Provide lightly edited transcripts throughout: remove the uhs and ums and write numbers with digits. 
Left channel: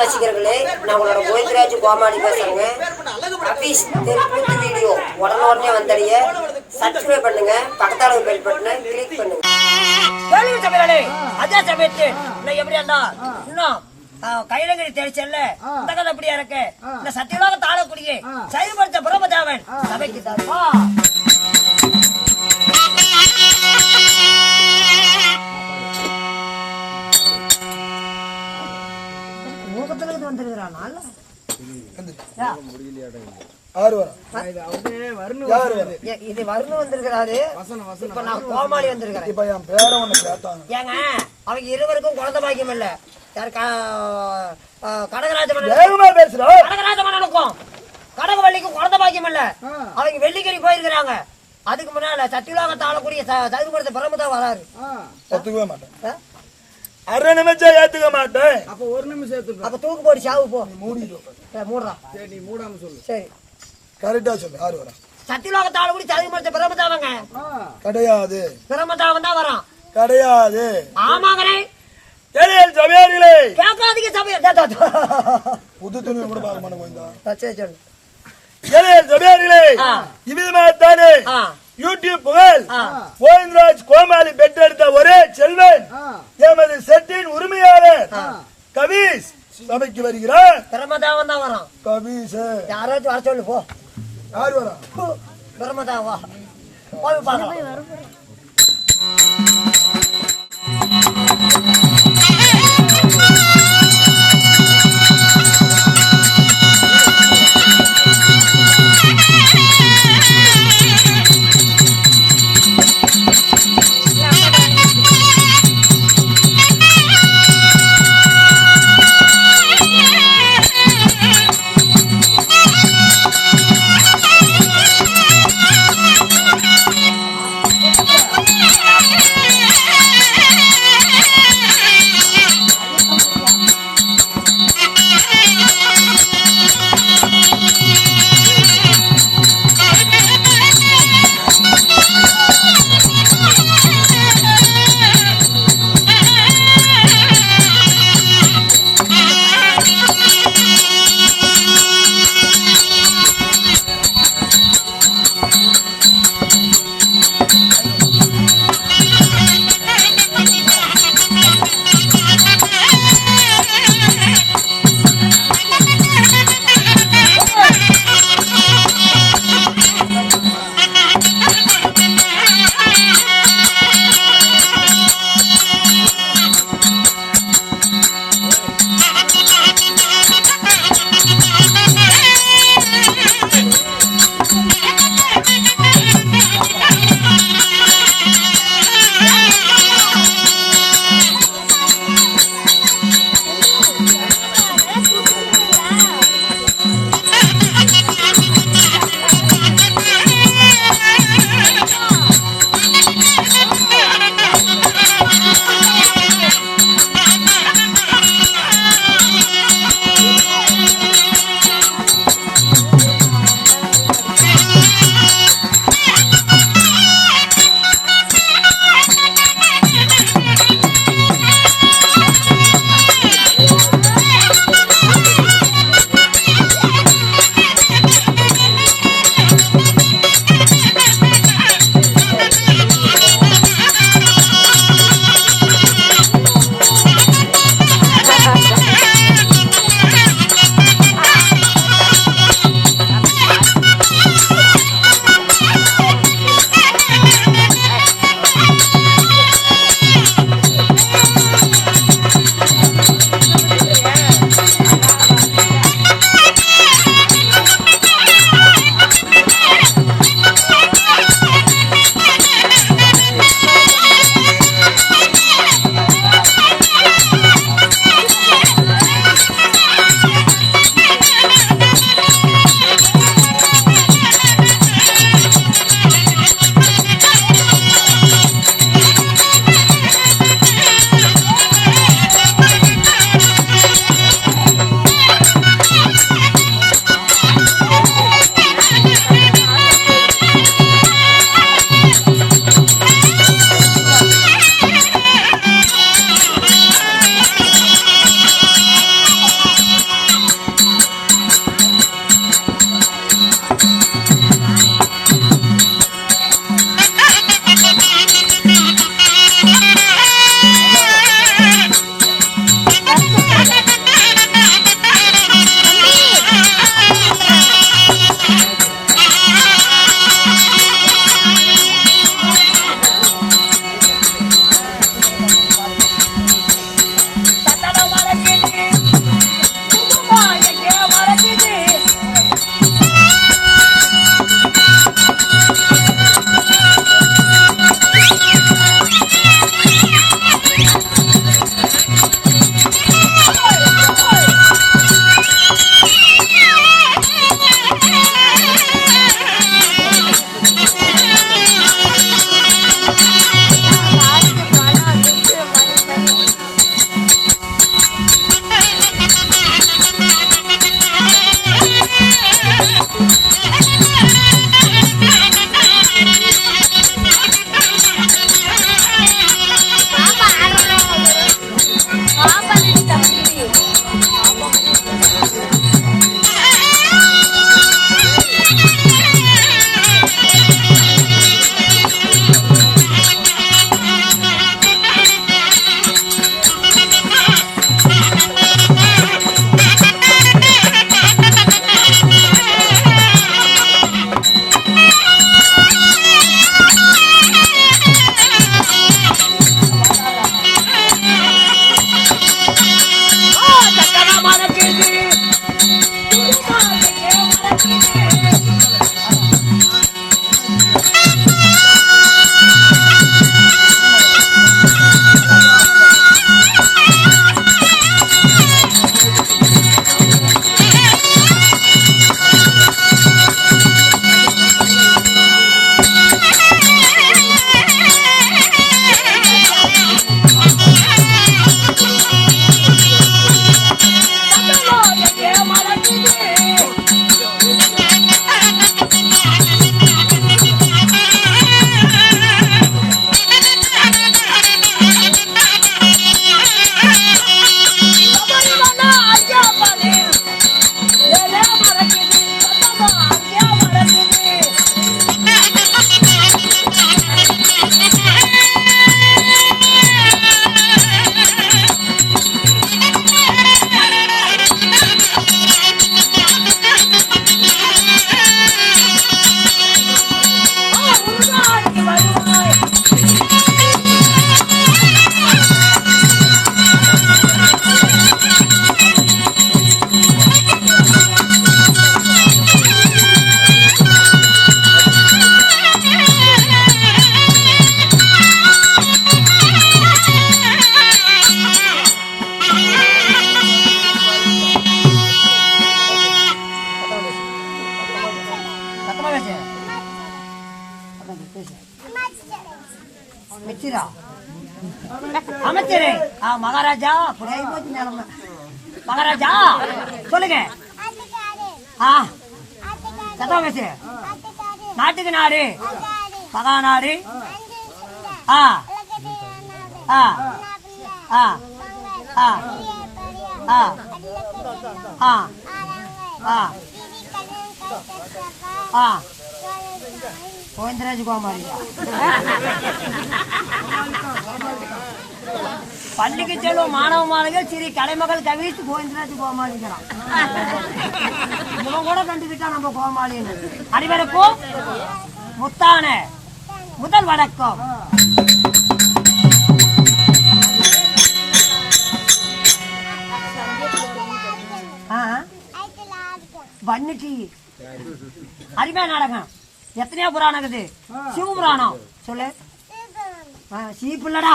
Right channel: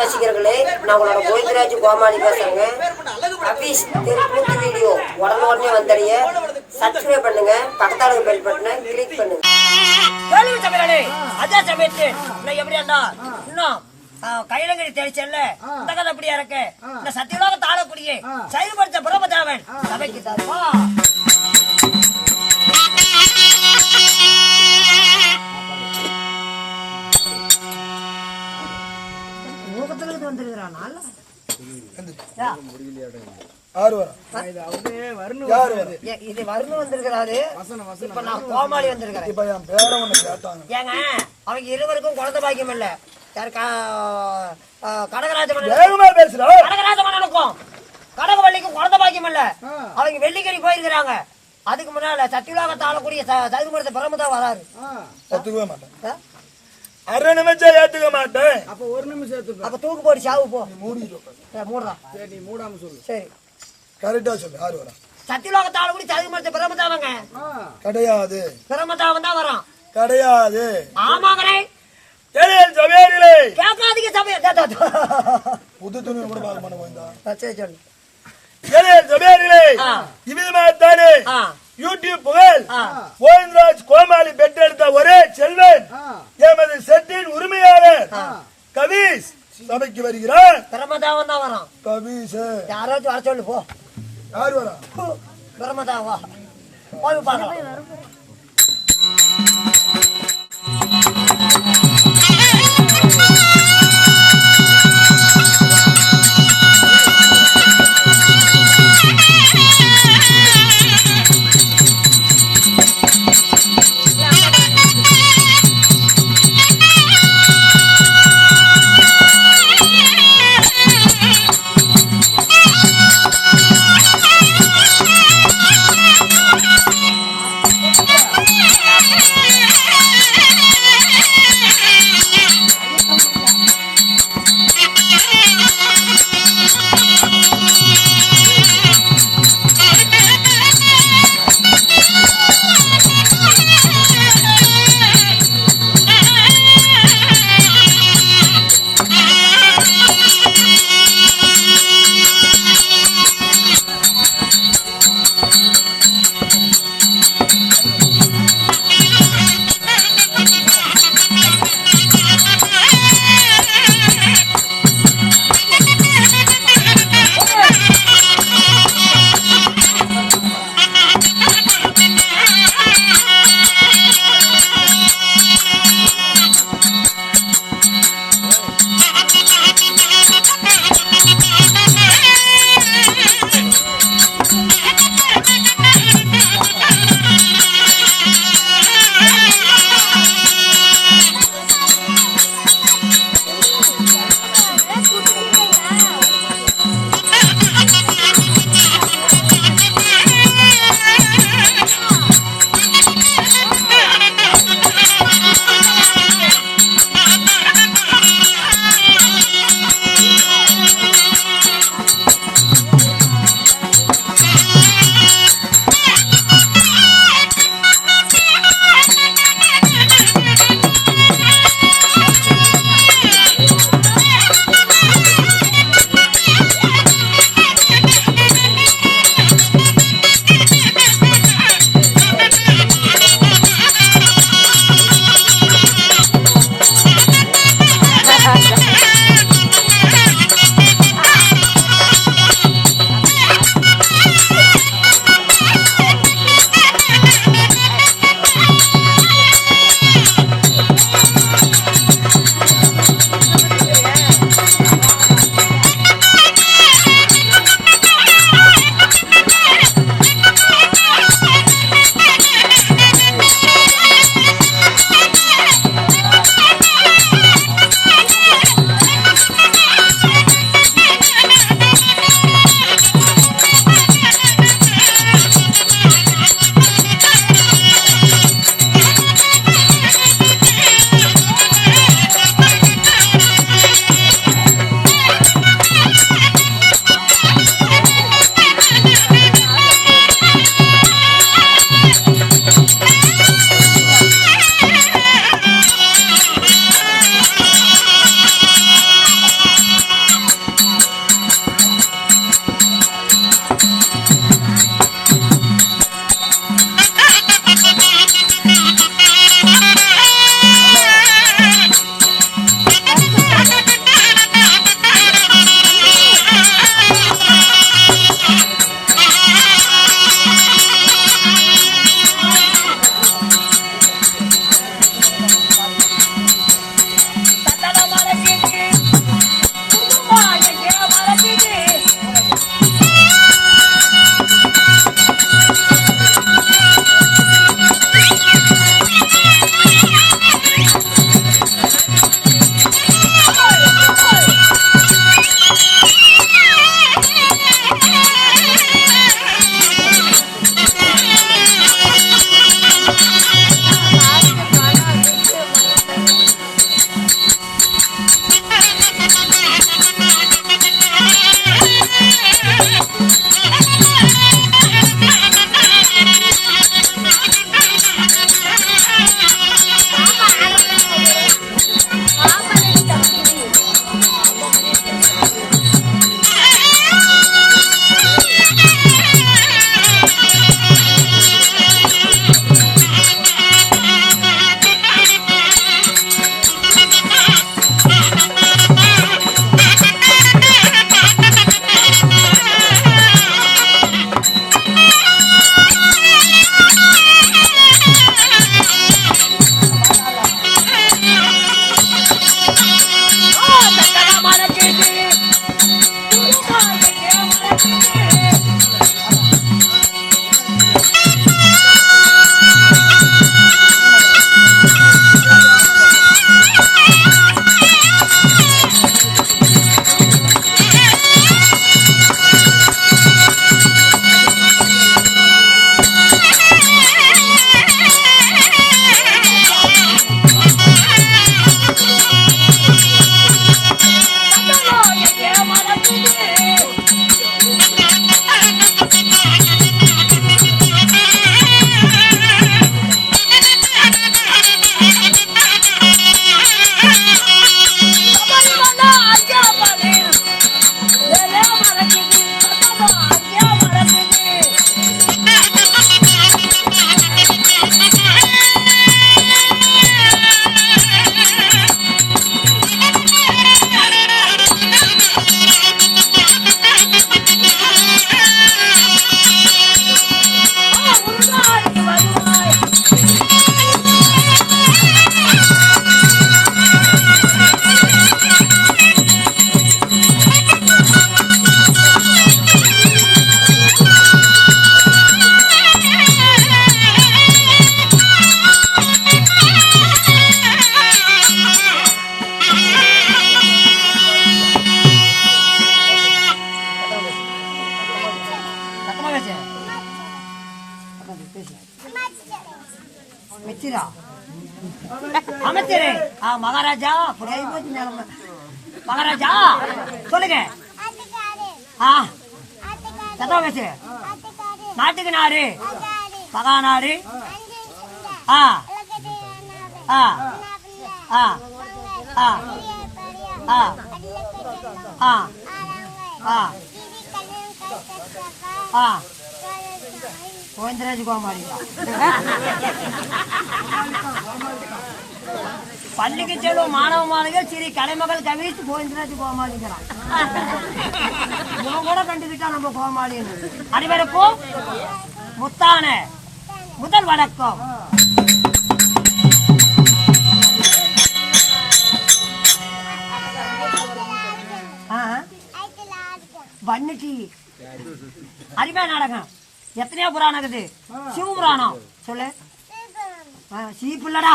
ரசிகர்களே, நான் உங்களோட கோவிந்தராஜ் கோமாளி பேசுறேங்க. அபீஸ் தெற்கு வீடியோ உடனே வந்தடைய சப்ஸ்கிரைப் பண்ணுங்க, பக்கத்தால பெல் பட்டனை கிளிக் பண்ணுங்க. கேள்வி சபையாளே, அதே சமயத்து நான் எப்படியாண்டா இன்னும் கைலங்கடி தெரிச்சல்ல இந்த கதை அப்படியா இருக்கு. இந்த சத்தியலோக தாழக்கூடிய செயல்படுத்த பிரமதாவன் சபைக்கு தருவா. கோமாளி வந்திருக்கிறேன். அவங்க இருவருக்கும் குழந்தை பாக்கியம் இல்ல. கடகராஜமனுக்கும் கடகவள்ளிக்கும் குழந்தை பாக்கியம் இல்ல. அவங்க வெள்ளிக்கறி போயிருக்கிறாங்க. அதுக்கு முன்னால சத்தியுலாகத்தை ஆளக்கூடிய சதுர்புரத்தை பிரமதா வராரு. ஒத்துக்கவே மாட்டேன். அரை நிமிஷம் ஏத்துக்க மாட்டேன். அப்ப ஒரு நிமிஷம் அப்ப தூக்கு போடி சாவு போ. மூடுறா. சரி, நீ மூடாம சொல்லு. சரி, கரெக்டா சொல்லு. யாரு வரா? சத்தியுலாகத்தை ஆளக்கூடிய சதுர்புரத்தை பிரமதாவங்க கிடையாது. பிரமதாவன் தான் வரான். கிடையாது. ஆமாங்கண்ணே. சபையார்களே கேட்காதீங்க சபையா. புது துணி கூட பார்க்க மாட்டேன். சரி சொல்லு. சபையார்களே, இவ்விதமாகத்தானே யூடியூப் புகழ் கோவிந்தராஜ் கோமாளி பெற்றெடுத்த ஒரே செல்வன் எமது செட்டின் உரிமையாளர் கபீஸ் சபைக்கு வருகிறார். பிரமதாவன் தான் வரான். கபீஸ் யாராச்சும் வர சொல்லு போ. யாரு வரா? பிரமதாவா போய் பார்க்கலாம். Yeah. அமைச்சரா? அமைச்சரு மகாராஜா. புரிய போச்சு நிலைமை. மகாராஜா சொல்லுங்க. சத்தம் பேசு. நாட்டுக்கு நாடு மகாநாடு. ஆ ஆ ஆ ஆ ஆ ஆ ஆ ஆ கோவிந்தராஜ் கோமாளியா? பள்ளிக்கு செல்வம் மாணவ மாணவிகள் ஸ்ரீ கலைமகள் கவிஸ் கோவிந்தராஜ் கோமாளிக்கிறான். இவன் கூட கண்டுகிட்டா நம்ம கோமாளின்னு. அனைவருக்கும் முத்தான முதல் வணக்கம். வன்னிக்கு அருமையா நாடகம். எத்தனையோ புராணம் இருக்குது. சிவபுராணம் சொல்லு. சீப்புல்லடா,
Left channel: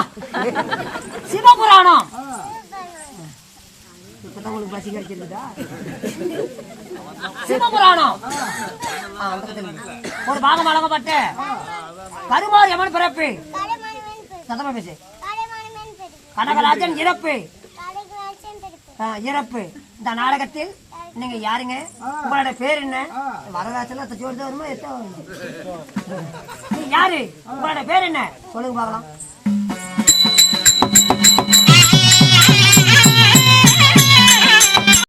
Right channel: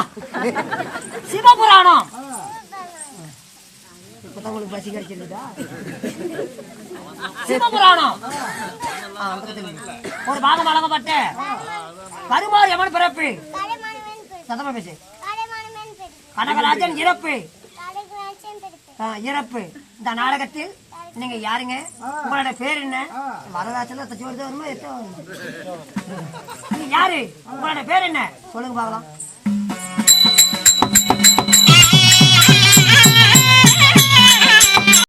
சிவபுராணம். இப்பதான் உங்களுக்கு பசி கிடைச்சிருக்குதா? சிவபுராணம் அந்த ஒரு பாகம் வழங்கப்பட்ட கருமாறு எமன் பிறப்பு. சத்தமா பேசு. கனகராஜன் இறப்பு. இறப்பு. இந்த நாடகத்தில் நீங்க யாருங்க? உங்களோட பேர் என்ன? வரலாற்றுல வருமா? யாரு? உங்களோட பேர் என்ன சொல்லுங்க பாக்கலாம்.